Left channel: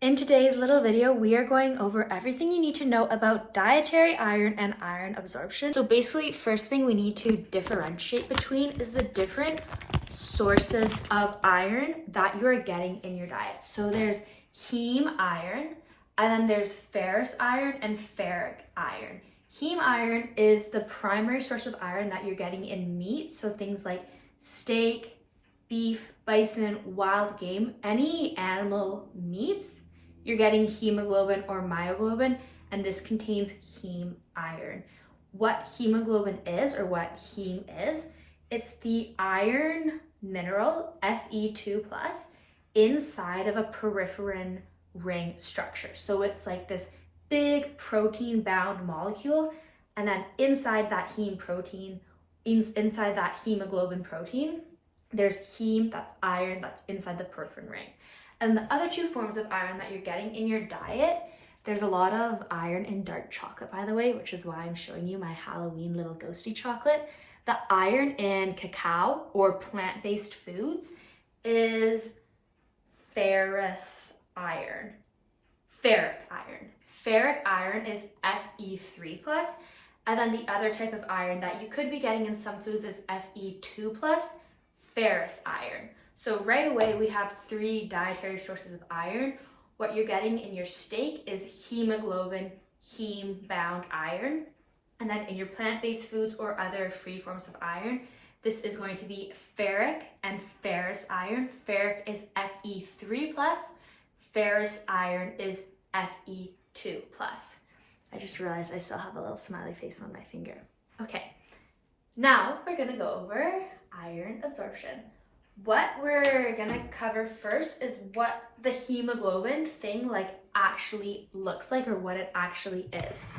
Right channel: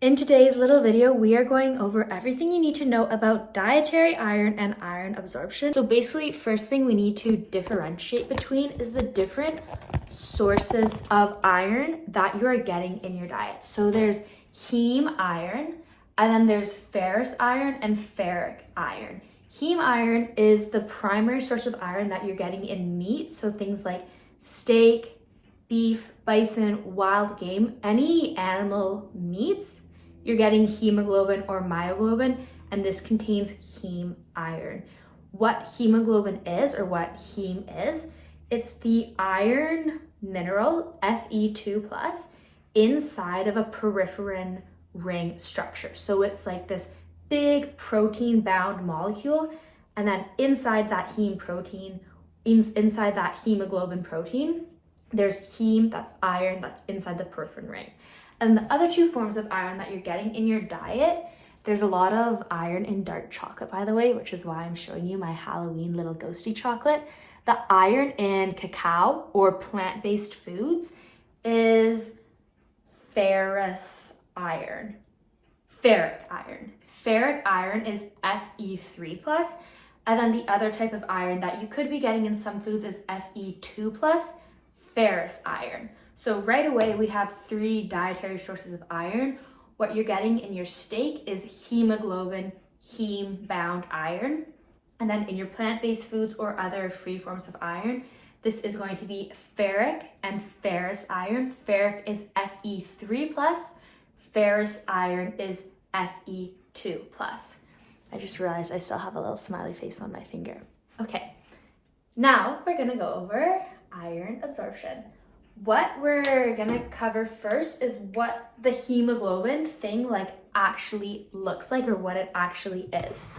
In today's little video, we are going over everything you need to know about dietary iron and iron absorption. So basically, first thing we need to differentiate between is the different sources of iron that you are getting in your diet. So there's heme iron, and then there's ferrous iron and ferric iron. Heme iron is the primary source of iron that you're getting in meat, so things like steak, beef, bison, wild game, any animal meats, you're getting hemoglobin or myoglobin, and this contains heme iron. What hemoglobin is, or what heme is, it's the iron mineral, Fe2+, inside of a peripherin ring structure. So it's like this big protein-bound molecule, and then inside that heme protein, inside that hemoglobin protein, there's heme, that's iron, that's inside the peripherin ring. And the other two forms of iron that you're getting in your diet, there's a lot of iron in dark chocolate, by the way, which is why I'm showing you my Halloween little ghosty chocolate. The iron in cacao or plant-based foods is ferrous iron. Ferric iron. Ferric iron is Fe3+, and then the other type of iron that you could be getting in some foods is Fe2+, ferrous iron. So right away, we have three dietary sources of iron. What you're getting in your steak is hemoglobin, heme-bound iron. And then in your plant-based foods or other free forms of iron, this is going to be ferric and ferrous iron. Ferric is Fe3+, ferrous iron is Fe2+. I just realized I still have a little smiley face on my finger. Okay, now we're gonna go over iron absorption. What we're gonna cover first is what the hemoglobin thing actually looks like, or what it actually is.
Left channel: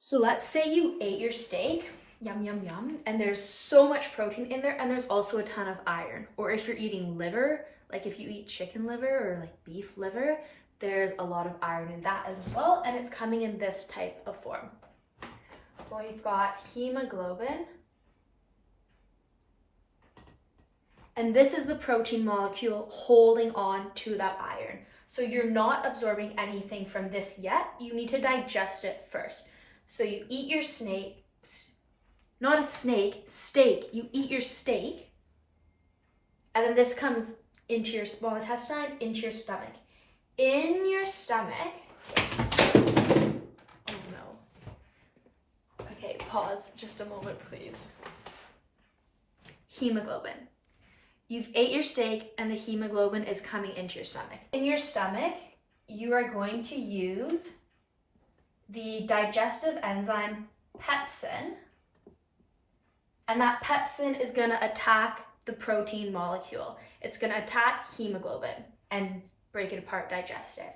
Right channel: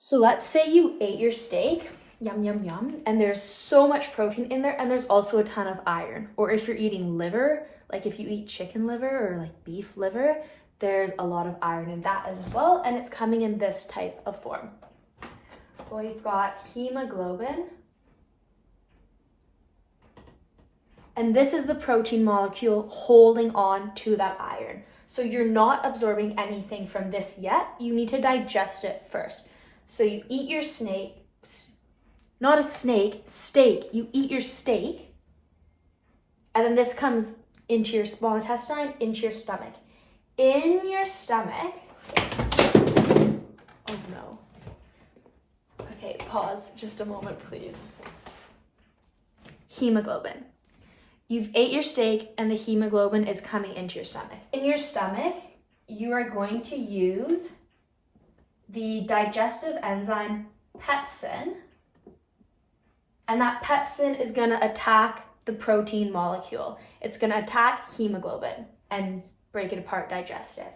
So let's say you ate your steak, yum, yum, yum, and there's so much protein in there, and there's also a ton of iron. Or if you're eating liver, like if you eat chicken liver or like beef liver, there's a lot of iron in that as well, and it's coming in this type of form. Well, we've got hemoglobin, and this is the protein molecule holding on to that iron. So you're not absorbing anything from this yet. You need to digest it first. So you eat your snake, not a snake, steak. You eat your steak, and then this comes into your small intestine, into your stomach. In your stomach, oh no. Okay, pause just a moment, please. Hemoglobin. You've ate your steak and the hemoglobin is coming into your stomach. In your stomach, you are going to use the digestive enzyme pepsin, and that pepsin is going to attack the protein molecule. It's going to attack hemoglobin and break it apart, digest it.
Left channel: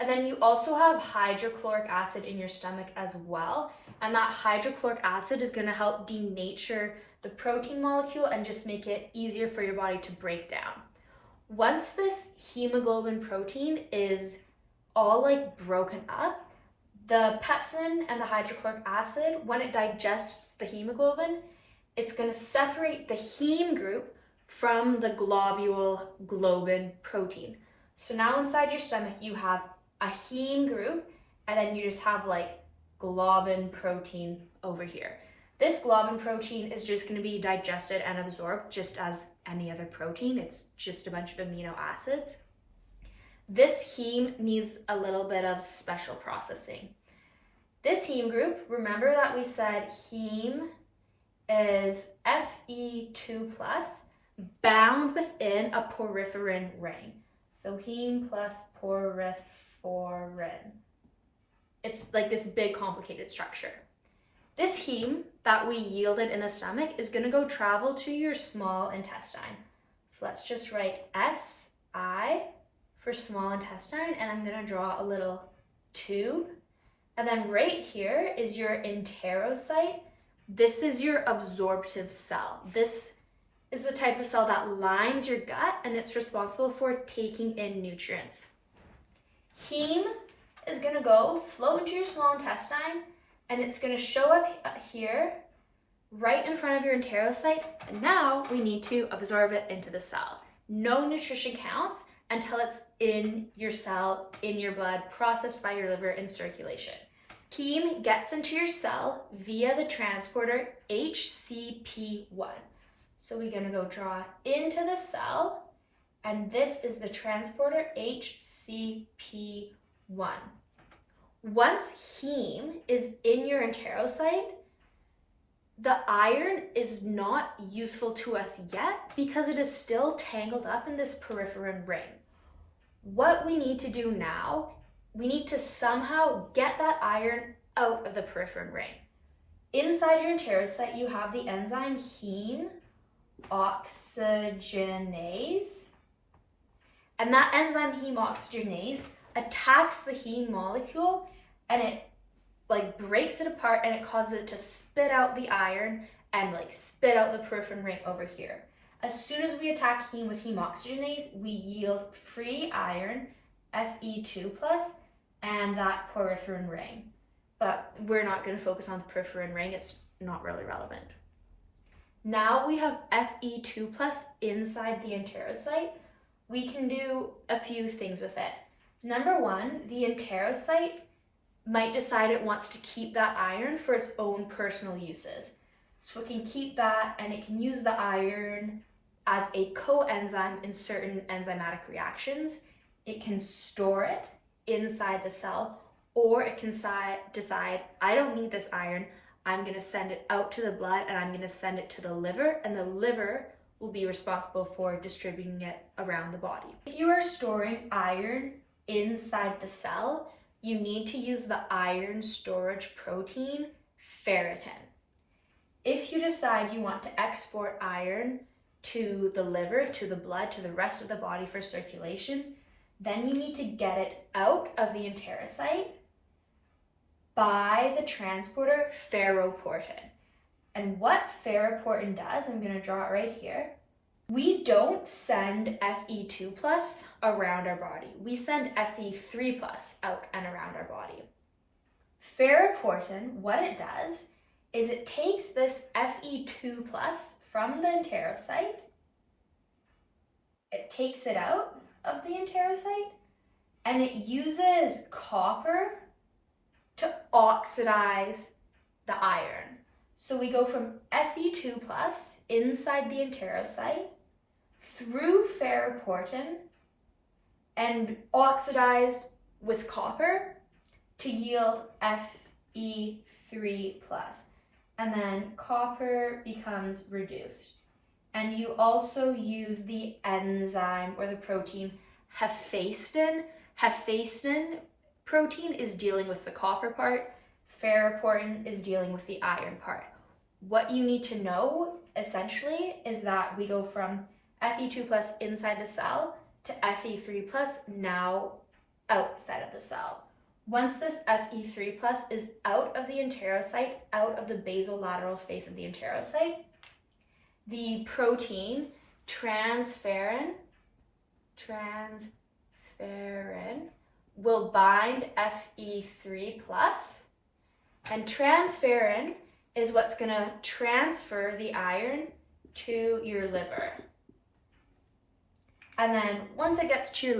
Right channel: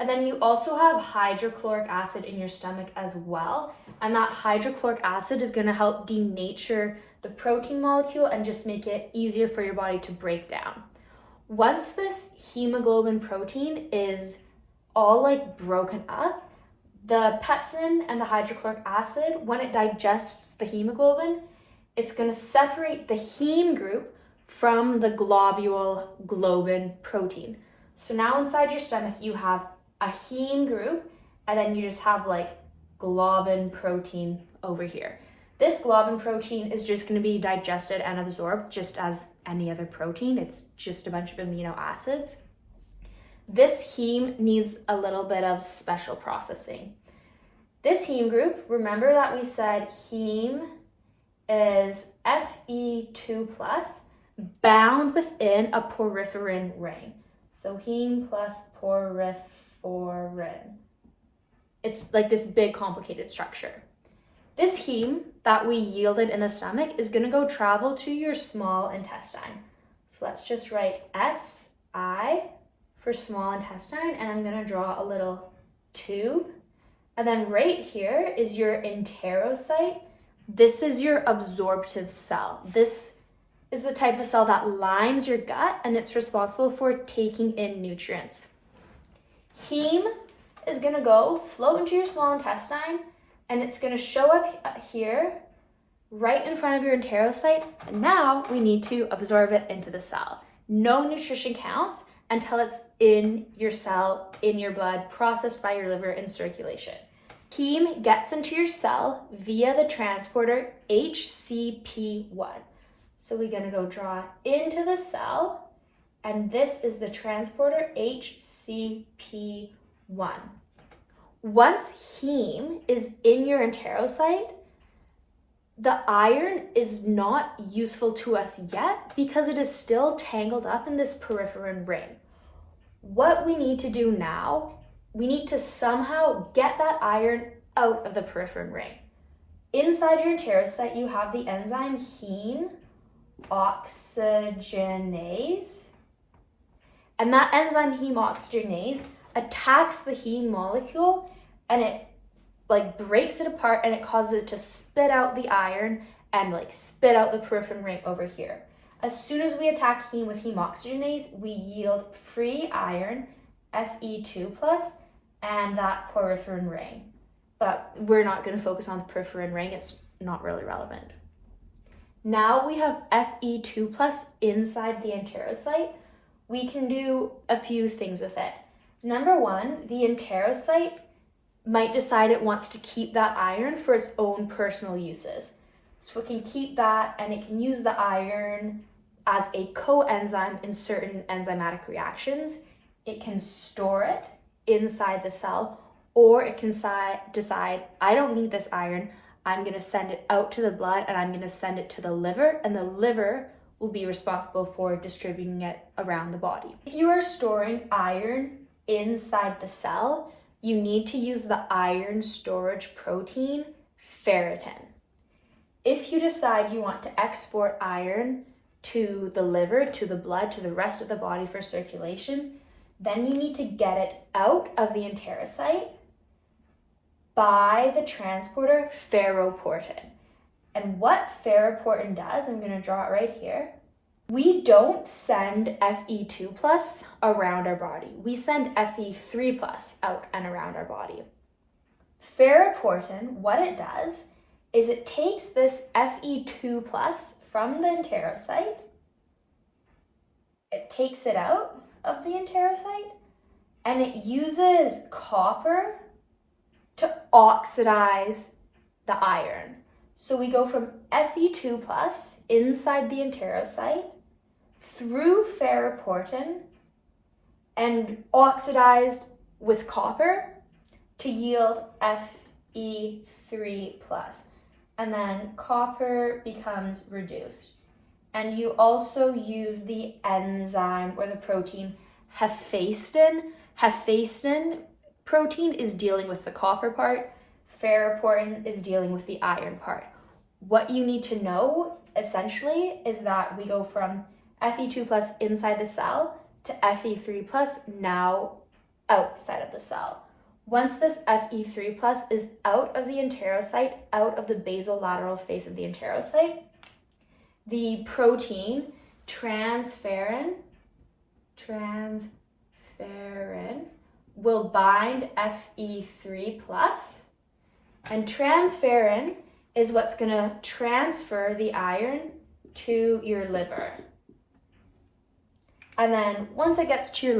And then you also have hydrochloric acid in your stomach as well, and that hydrochloric acid is going to help denature the protein molecule and just make it easier for your body to break down. Once this hemoglobin protein is all broken up, the pepsin and the hydrochloric acid, when it digests the hemoglobin, it's going to separate the heme group from the globule globin protein. So now inside your stomach, you have a heme group, and then you just have globin protein over here. This globin protein is just going to be digested and absorbed just as any other protein. It's just a bunch of amino acids. This heme needs a little bit of special processing. This heme group, remember that we said heme is Fe2+, bound within a peripherin ring. So heme plus peripherin. It's like this big complicated structure. This heme that we yielded in the stomach is going to go travel to your small intestine. So let's just write SI for small intestine, and I'm going to draw a little tube. And then right here is your enterocyte. This is your absorptive cell. This is the type of cell that lines your gut, and it's responsible for taking in nutrients. Heme is going to go float into your small intestine, and it's going to show up here right in front of your enterocyte, and now we need to absorb it into the cell. No nutrition counts until it's in your cell, in your blood, processed by your liver in circulation. Heme gets into your cell via the transporter HCP1. So we're gonna go draw into the cell, and this is the transporter HCP1. Once heme is in your enterocyte, the iron is not useful to us yet because it is still tangled up in this peripherin ring. What we need to do now, we need to somehow get that iron out of the peripherin ring. Inside your enterocyte, you have the enzyme heme oxygenase. And that enzyme heme oxygenase attacks the heme molecule, and it breaks it apart, and it causes it to spit out the iron and spit out the peripherin ring over here. As soon as we attack heme with heme oxygenase, we yield free iron, Fe2+, and that peripherin ring. But we're not going to focus on the peripherin ring, it's not really relevant. Now we have Fe2+ inside the enterocyte. We can do a few things with it. Number one, the enterocyte might decide it wants to keep that iron for its own personal uses. So it can keep that, and it can use the iron as a coenzyme in certain enzymatic reactions. It can store it inside the cell, or it can decide, I don't need this iron, I'm going to send it out to the blood, and I'm going to send it to the liver, and the liver will be responsible for distributing it around the body. If you are storing iron inside the cell, you need to use the iron storage protein, ferritin. If you decide you want to export iron to the liver, to the blood, to the rest of the body for circulation, then you need to get it out of the enterocyte by the transporter ferroportin. And what ferroportin does, I'm going to draw it right here. We don't send Fe2+ around our body. We send Fe3+ out and around our body. Ferroportin, what it does is it takes this Fe2+ from the enterocyte, it takes it out of the enterocyte, and it uses copper to oxidize the iron. So we go from Fe2+ inside the enterocyte through ferroportin and oxidized with copper to yield Fe3+. And then copper becomes reduced. And you also use the enzyme or the protein hephaestin. Hephaestin protein is dealing with the copper part. Ferroportin is dealing with the iron part. What you need to know, essentially, is that we go from Fe2+ inside the cell to Fe3+ now outside of the cell. Once this Fe3+ is out of the enterocyte, out of the basolateral face of the enterocyte, the protein transferrin will bind Fe3+, and transferrin is what's going to transfer the iron to your liver. And then once it gets to your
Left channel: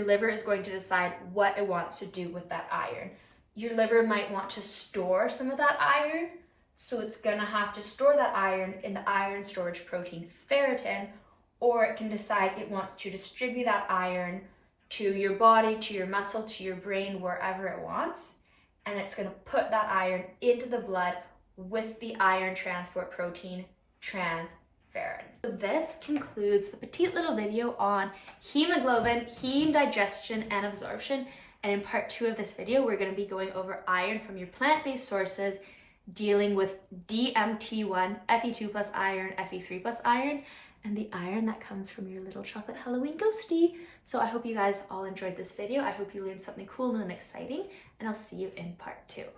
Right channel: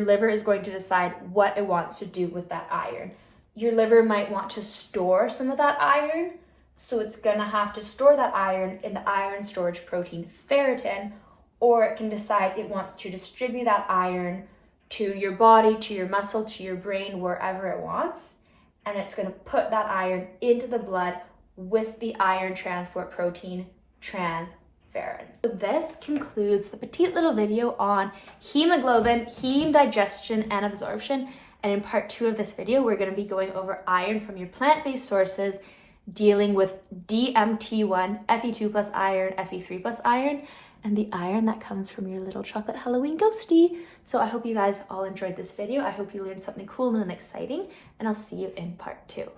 liver is going to decide what it wants to do with that iron. Your liver might want to store some of that iron, so it's going to have to store that iron in the iron storage protein ferritin, or it can decide it wants to distribute that iron to your body, to your muscle, to your brain, wherever it wants. And it's going to put that iron into the blood with the iron transport protein transferrin. So this concludes the petite little video on hemoglobin, heme digestion and absorption. And in part 2 of this video, we're going to be going over iron from your plant-based sources, dealing with DMT1, Fe2+ iron, Fe3+ iron, and the iron that comes from your little chocolate Halloween ghosty. So I hope you guys all enjoyed this video. I hope you learned something cool and exciting, and I'll see you in part 2.